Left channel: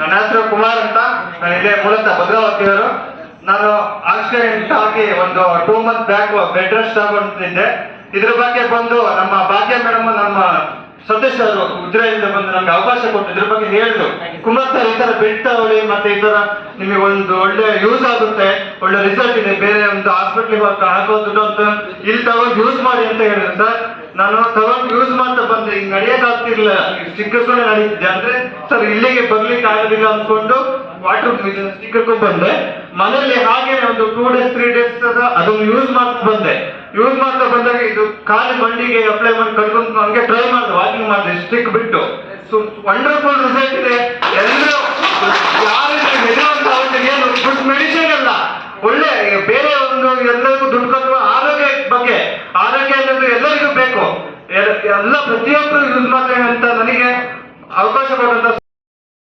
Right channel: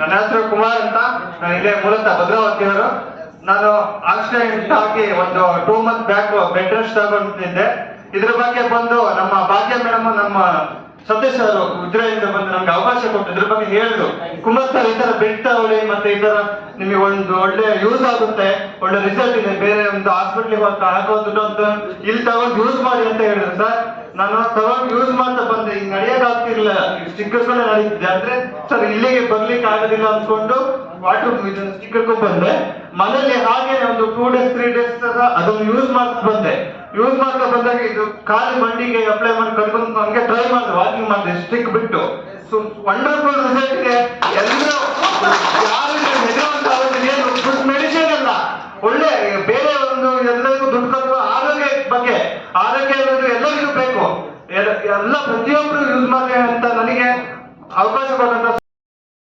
ನನ್ನ ಹೆಸರು ಕುಮಾರ್ ಅಂತ. ನಾನು ಇಲ್ಲೇ ಮೂಲತಃ ಭದ್ರಾವತಿಯವರು. ನಾನು ಆಕ್ಸಿಡೆಂಟ್ ಆಗಿ ಒಂದು 2 ಮಂತ್ ಬ್ಯಾಕ್ ಬೆಡ್ ರೆಸ್ಟ್ ತಗೊಂಡಿದ್ದೆ. ಇದ್ರ ಬಗ್ಗೆ ಬಂದು ನಮ್ಮ ಭಾಗ್ಯ ಮೇಡಮ್, ನಮ್ಮ ಸತೀಶ್ ಅವರು ಉಜಿರೆಯಿಂದ ಬಂದು ನಮ್ಗೆ ಅವಕಾಶ ಕೊಟ್ಟು ಇದ್ರ ಬಗ್ಗೆ ಹೇಳಿದ್ರು. ಕುಮಾರ್ ಸರ್, ಈ ತರ ಬೆಡ್ ತಗೊಳ್ಳಿ, ಮತ್ತೆ ಈ ತರ ನಿಮಗೆ ಒಂದು ಒಳ್ಳೆ ಯೂಸ್ ಆಗುತ್ತೆ, ಒಳ್ಳೆ ರಿಸಲ್ಟ್ ಇದೆ, ಬೇರೆ ಒಂದು ಹಾಸ್ಪಿಟ್ಲಿಗೆ ಹಾಕೋದು ಅಂತ ಇಲ್ಲಿ ತಗೊಂಡು ಯೂಸ್ ಮಾಡಿ ಅಂತ ಹೇಳಿದ್ರು ಸರ್. ನಾನು ತಗೊಂಡು ಯೂಸ್ ಮಾಡ್ತಾ ಬಂದೆ. ಈಗ ನಡೆಯೋದಾಗ್ತಿರ್ಲಿಲ್ಲ, ಸ್ಟಿಕ್ಕರ್ಸ್ಕೊಂಡೆ ನಡೀತಿದ್ದೆ. ಅಂದ್ರೆ ಸರ್ ಇಲ್ಲಿಗೆ ಬರ್ಲಿಕ್ಕೆ ಆಗೋದಿಲ್ಲ ಅನ್ಕೊಂಡು ವಾಟರ್ ಸ್ಟಿಕ್ಕರ್ಗೂ ಬಂದೆ. ಮನೇಲಿ ಹಾಗೆ ಒಂದು 2 days 3 days ಅದನ್ನು ಯೂಸ್ ಮಾಡ್ತಾ ಬಂದೆ. ಯೂಸ್ ಮಾಡ್ತಾ ಬಂದಾಗ ಇದು ಖಾಲಿ ಮಂಡಿಗೆ ಅಪ್ಲೈ ಮಾಡಿ ಕರ್ಕೊಂಡು ನನಗೆ ಟ್ರೈ ಮಾಡಿದೆ, ವಾಕಿಂಗ್ ಮಾಡಿದೆ ಸ್ಟಿಕ್ ಬಿಟ್ಟು. ಸೊ ವಂಡರ್ಫುಲ್ ರಿಸಲ್ಟ್ ಇದೆ. ಎಲ್ಲರೂ ಯಾರಿಗೆ ಹೆದರುವಂತ ಏನು ಫುಡ್ ಮೆಡಿಸಿನ್ ಅಲ್ಲ, ಒಳ್ಳೆ ಬೇರೆ ಒಂದು ಎಲ್ಲರಿಗೂ ದುಡ್ಡು ಕಟ್ಟುವ ಆರೋಗ್ಯ ಬಗ್ಗೆ. ಆರೋಗ್ಯ ಅನ್ನೋದು ಎಲ್ಲರಿಗೂ ಬೇಕು, ಎಲ್ಲ ಪ್ರತಿಯೊಬ್ಬರು ಯೂಸ್ ಮಾಡ್ತಾರೆ ಅಂತ ನನಗೆ ಅವಕಾಶ ಕೊಟ್ಟಂತ